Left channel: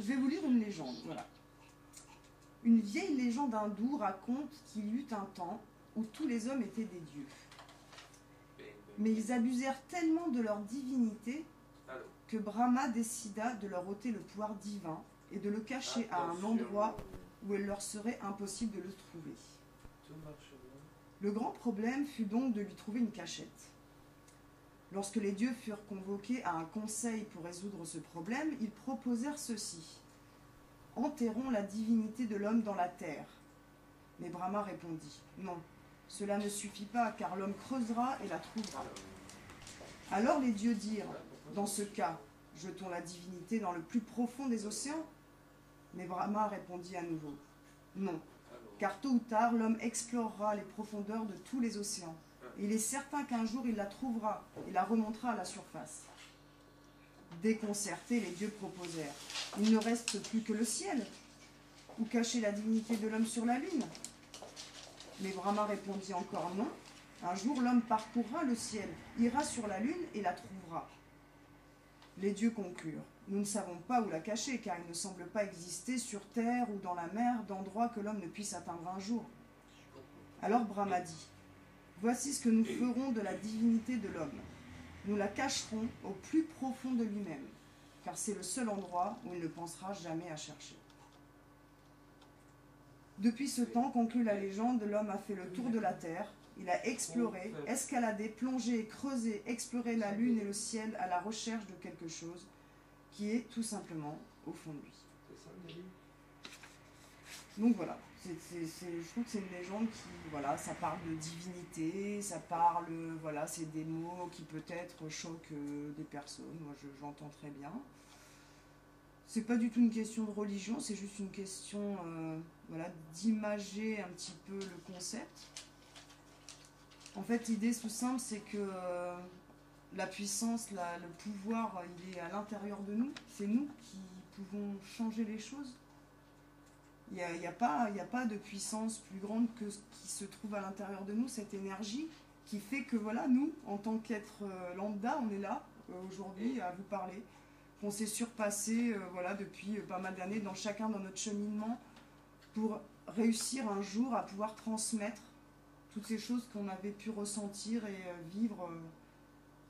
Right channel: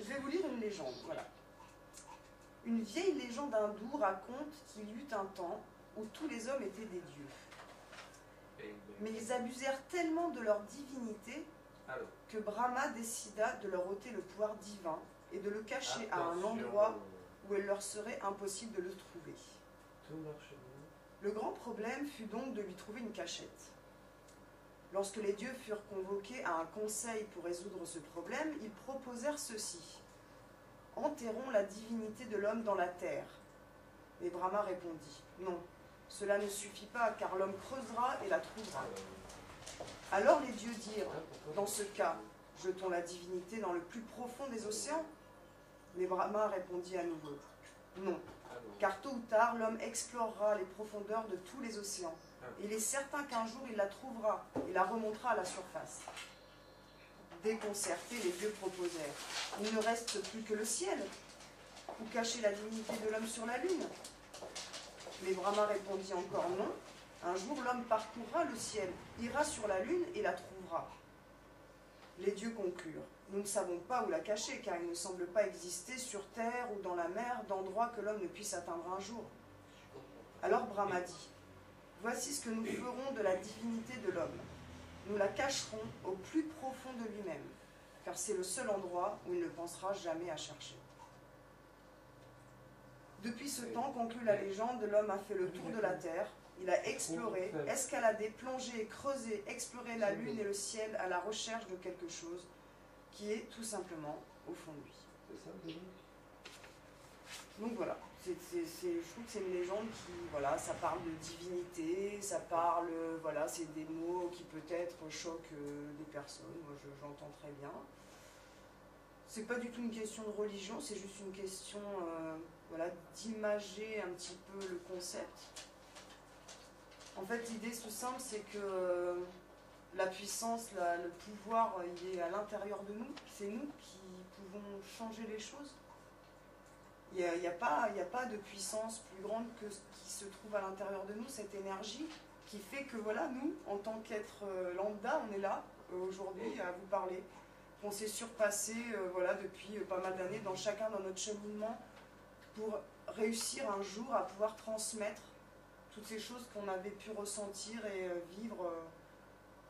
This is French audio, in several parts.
je vais vous lire une légende, voilà. Une vieille légende hindoue raconte qu'il y eut un temps où tous les hommes étaient des dieux. Mais ils abusèrent tellement de leur divinité que Brahma décida de leur ôter le pouvoir divin et de le cacher à un endroit où il leur serait impossible de le trouver. Le grand problème fut donc de lui trouver une cachette. Lorsque les dieux furent convoqués à un conseil pour résoudre ce problème, ils proposèrent ceci. Enterrons la divinité de l'homme dans la terre. Mais Brahma répondit, non, cela ne suffit pas, car l'homme creusera et la trouvera. Alors les dieux dirent, dans ce cas, jetons la divinité dans le plus profond des océans. Mais Brahma répondit à nouveau, non, car tôt ou tard, l'homme explorera les profondeurs de tous les océans. Et il est certain qu'un jour, il la trouvera et la remontera à la surface. Déconcertés, les dieux proposèrent, il ne reste plus que le ciel, ou cacher la divinité de l'homme sur la lune. Mais Brahma répondit encore non. Un jour, l'homme parcourra le ciel, ira sur la lune et la trouvera. Les dieux conclurent. Nous ne savons pas où la cacher, car il ne semble pas exister sur terre ou dans la mer d'endroit que l'homme ne puisse atteindre un jour. Alors Brahma dit, voici ce que nous ferons de la divinité de l'homme. Nous la cacherons au plus profond de lui-même, car c'est le seul endroit où il ne pensera jamais à chercher. Depuis ce temps, conclut la légende, l'homme a fait le tour de la terre. Il a exploré, escaladé, plongé, creusé, exploré la lune et le ciel à la recherche de quelque chose qui est tout simplement au fond de lui. Donc voilà, je trouve que c'est une légende qui, voilà, ça parle de divinité, ça parle, voilà, c'est des mots qui peut-être choquent des personnes, moi j'entends très bien. C'est pas du tout une question de religion, c'est juste une question voilà, d'imager un petit peu le concept. En fait, l'idée tout simple, c'est que la puissance, le pouvoir, il est à l'intérieur de nous. C'est nous qui pouvons changer les choses. Il n'y a pas de puissance plus grande que ce qui se trouve à l'intérieur de nous, cette énergie qui fait que, voilà, nous, en tant qu'être lambda, on est là, aujourd'hui, à vous parler. On s'est surpassé voilà, depuis pas mal d'années dans notre cheminement pour réussir un jour à pouvoir transmettre toutes ces choses qu'on avait pu ressentir et vivre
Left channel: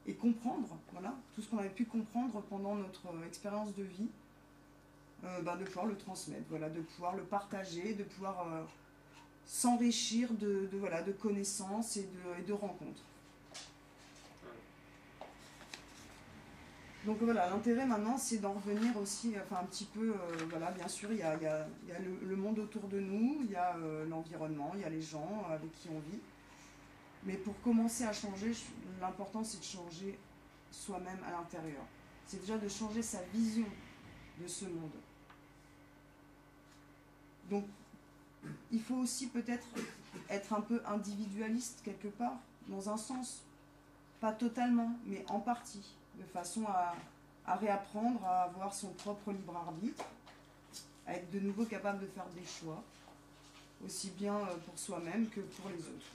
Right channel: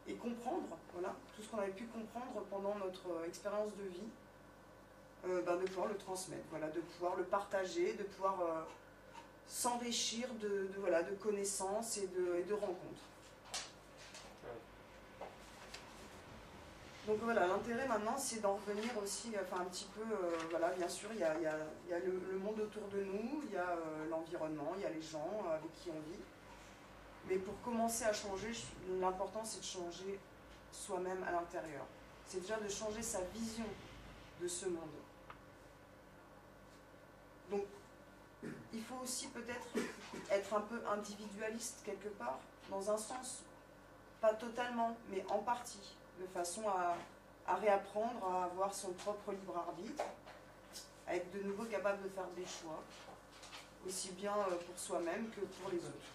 et comprendre, voilà, tout ce qu'on avait pu comprendre pendant notre expérience de vie, de pouvoir le transmettre, voilà, de pouvoir le partager, de pouvoir s'enrichir voilà, de connaissances et de rencontres. Donc voilà, l'intérêt maintenant, c'est d'en revenir aussi, enfin un petit peu, voilà, bien sûr, il y a le monde autour de nous, il y a l'environnement, il y a les gens avec qui on vit. Mais pour commencer à changer, l'important c'est de changer soi-même à l'intérieur. C'est déjà de changer sa vision de ce monde. Donc, il faut aussi peut-être être un peu individualiste quelque part, dans un sens, pas totalement, mais en partie. De façon à réapprendre à avoir son propre libre arbitre, à être de nouveau capable de faire des choix, aussi bien pour soi-même que pour les autres.